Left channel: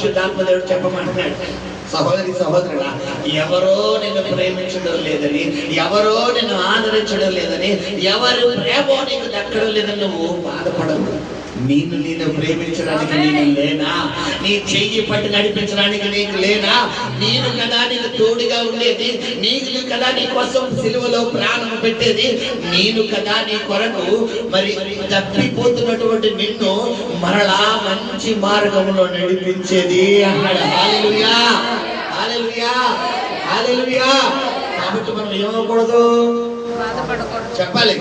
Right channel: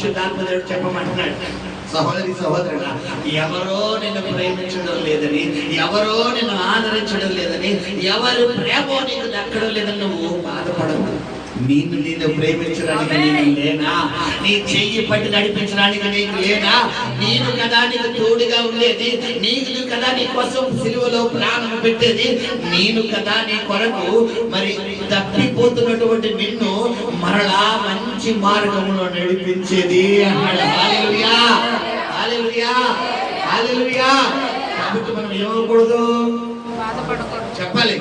పరిశుద్ధాత్మ దేవుడు చెప్పమంటున్నాడు. సహోదరి సహోదరుడా, ఎవరో నిన్ను ప్రేమించడం లేదని, ఎవరో నిన్ను ఆదరించడం లేదని, ఎవరి ప్రేమో నీకు దక్కడం లేదని నువ్వు బాధపడవు. నేను ప్రేమించడానికి నేను లేనా? నీ చెయ్యి పట్టి నడిపించడానికి నీకు లేనా? నేను కదా నీకు తోడుగా ఉండేది, నీకు కదా నీ కోసం సిలువలో ప్రాణం పెట్టేది, నేను కదా నీ కొరకు మరి తప్పిపోతున్నటువంటి నిన్ను మరలా మంచి మార్గంలో నడిపించేది అన్నాడు. హల్లెలూయా, హల్లెలూయా, హల్లెలూయా. కాబట్టి మనం ఏమవకూడదు, చెప్పాలి.